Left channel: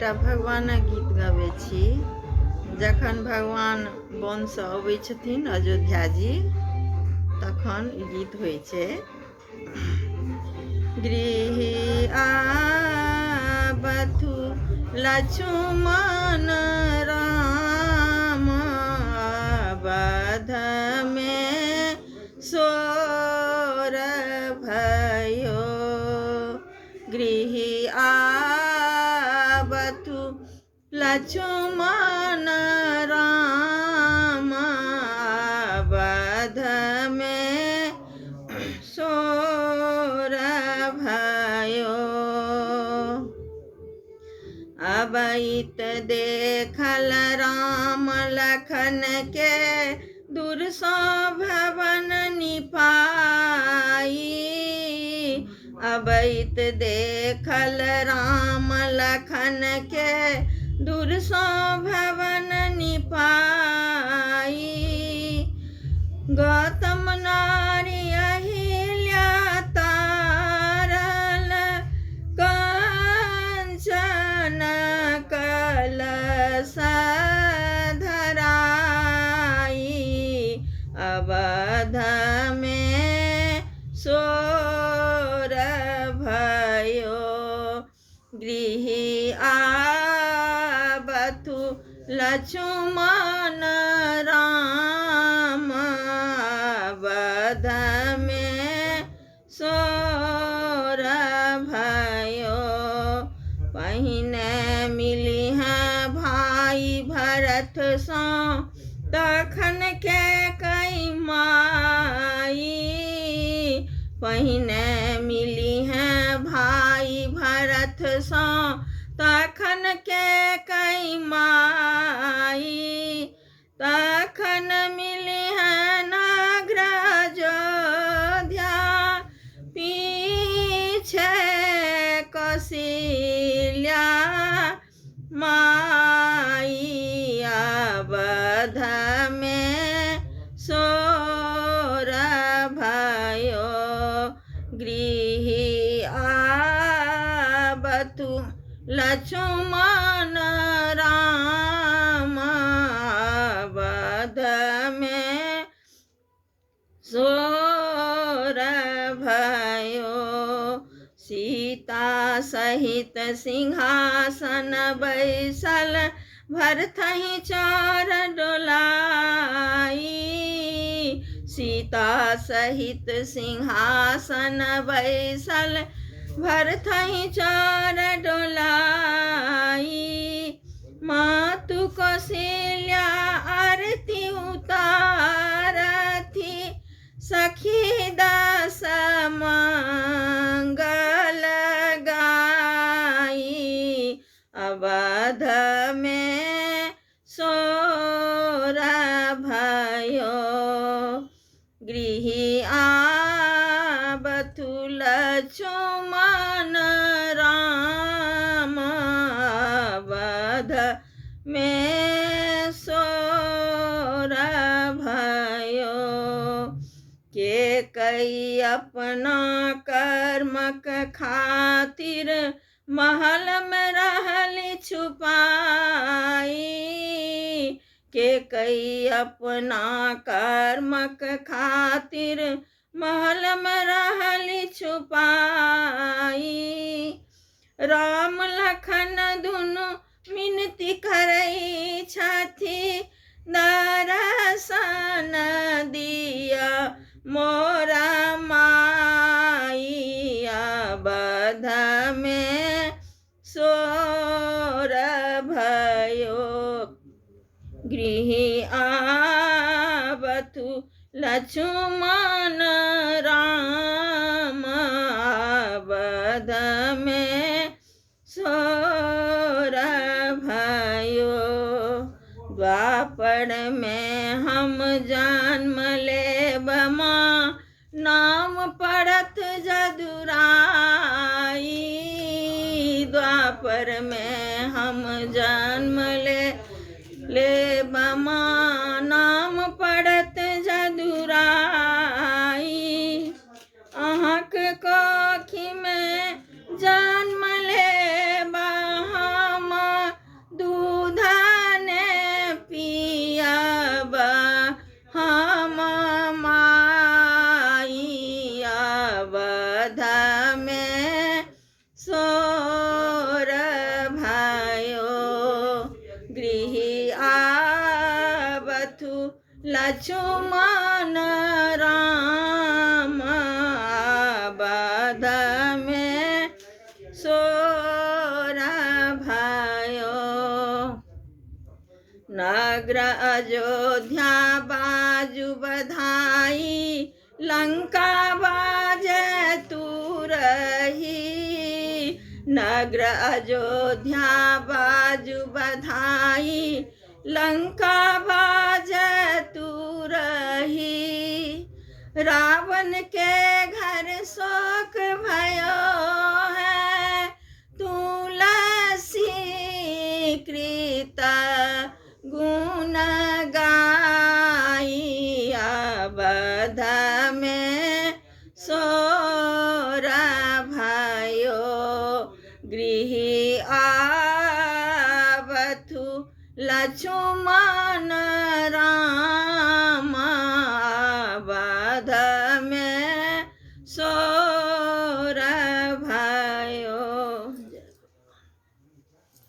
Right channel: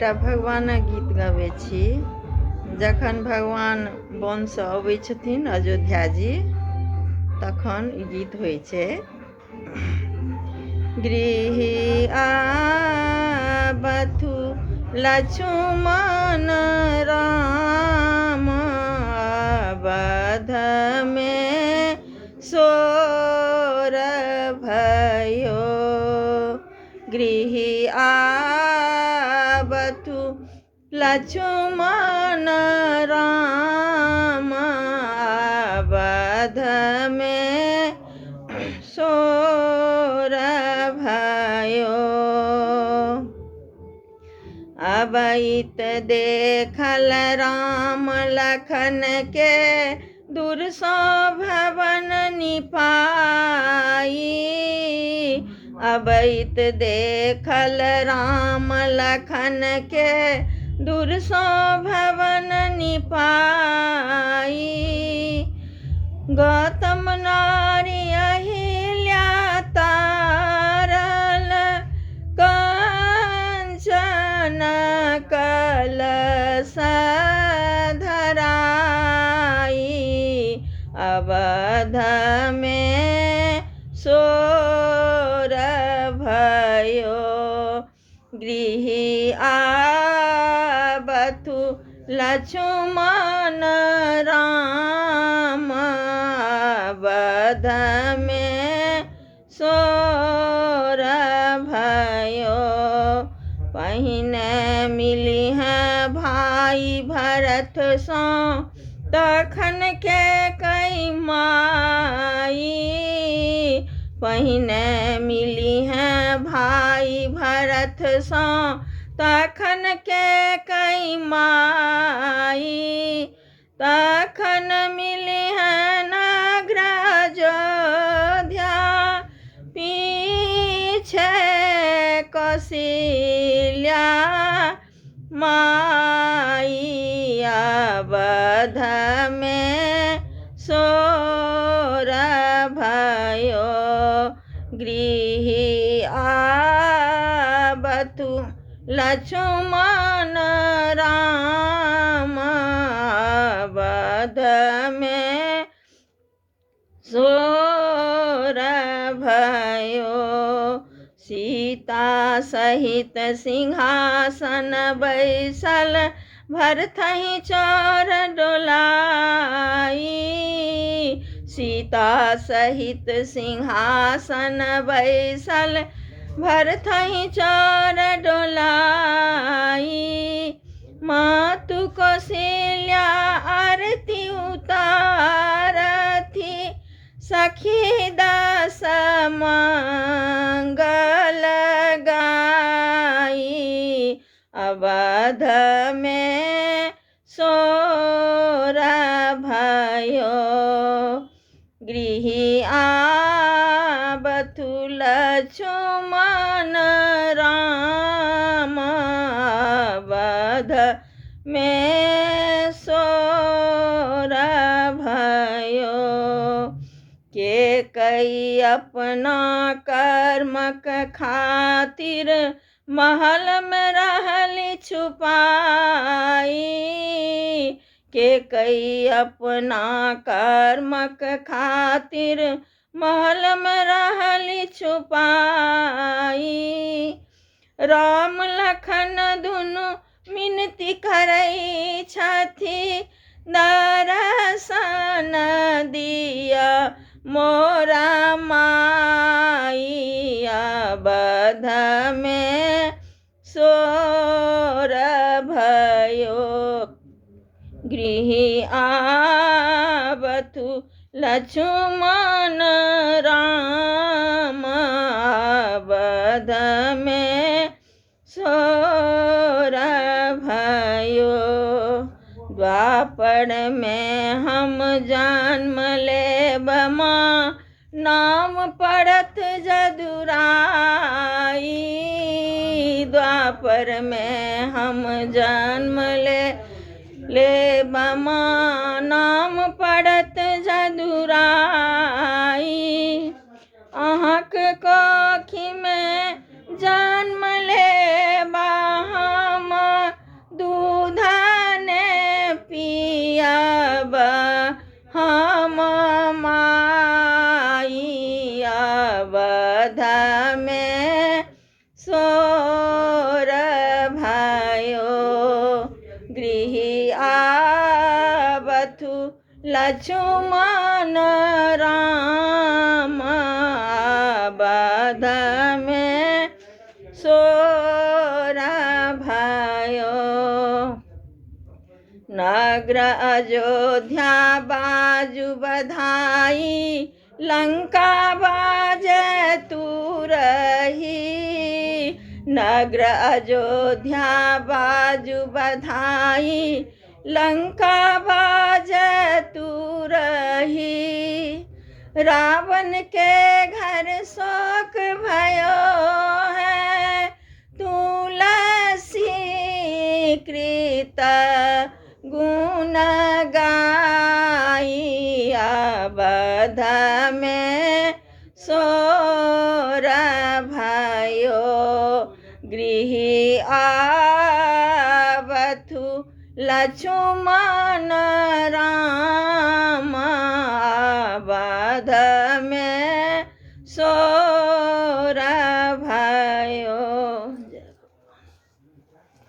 एकटा भगवानक गीत गबै छी। जखन भगवान वनसँ अबै छथिन अयोध्या जी तखन ई गीत होइ छै। गृही आबथु लक्ष्मण राम, अवध में सोर भयो। गृही आबथु लक्ष्मण राम, अवध में सोर भयो। अबैत देखल राम लखन के, दूर सो भवन निपाई। अबैत देखल राम लखन के, दूर सो भवन निपाई। गौतम नारी अहिल्या तारल, कंचन कलश धराई। अवध में सोर भयो। गृही आबथु लक्ष्मण राम, अवध में सोर भयो। पहिने मिली है भाई भरत सो, तखन के कई माई। पहिने मिली है भाई भरत सो, तखन के कई माई। तखन मिली है नागराज अयोध्या, पीछे कौशल्या माई। अवध में सोर भयो। गृही आबथु लक्ष्मण राम, अवध में सोर भयो। सीता सहित सिंहासन बैसल, भरथहि चोर डोलाई। सीता सहित सिंहासन बैसल, भरथहि चोर डोलाई। मातु कौशल्या आरती उतारथि, सखी दस मंगल गाई। अवध में सोर भयो। गृही आबथु लक्ष्मण राम, अवध में सोर भयो। के कई अपना कर्मक खातिर, महल में रहली छुपाई। के कई अपना कर्मक खातिर, महल में रहली छुपाई। राम लखन दुनु मिनती करई छथि, दर्शन दिया मोरा माई। अवध में सोर भयो। गृही आबथु लक्ष्मण राम, अवध में सोर भयो। द्वापर में हम जन्म लेब माँ, नाम पड़त जदुराई। द्वापर में हम जन्म लेब माँ, नाम पड़त जदुराई। अहाँक कोखी में जन्म लेबा हम सोर भयो गृह आवथु लक्ष्मण राम बध में सोर भयो नगर अयोध्या बाजु बधाई लंका बाजे तुरही नगर अयोध्या बाजु बधाई लंका बाजे तुरही रावण के घर शोक भयो है तुलसी कृत गुण गाई अवध में सोर भयो गृह आवथु लक्ष्मण राम अवध में सो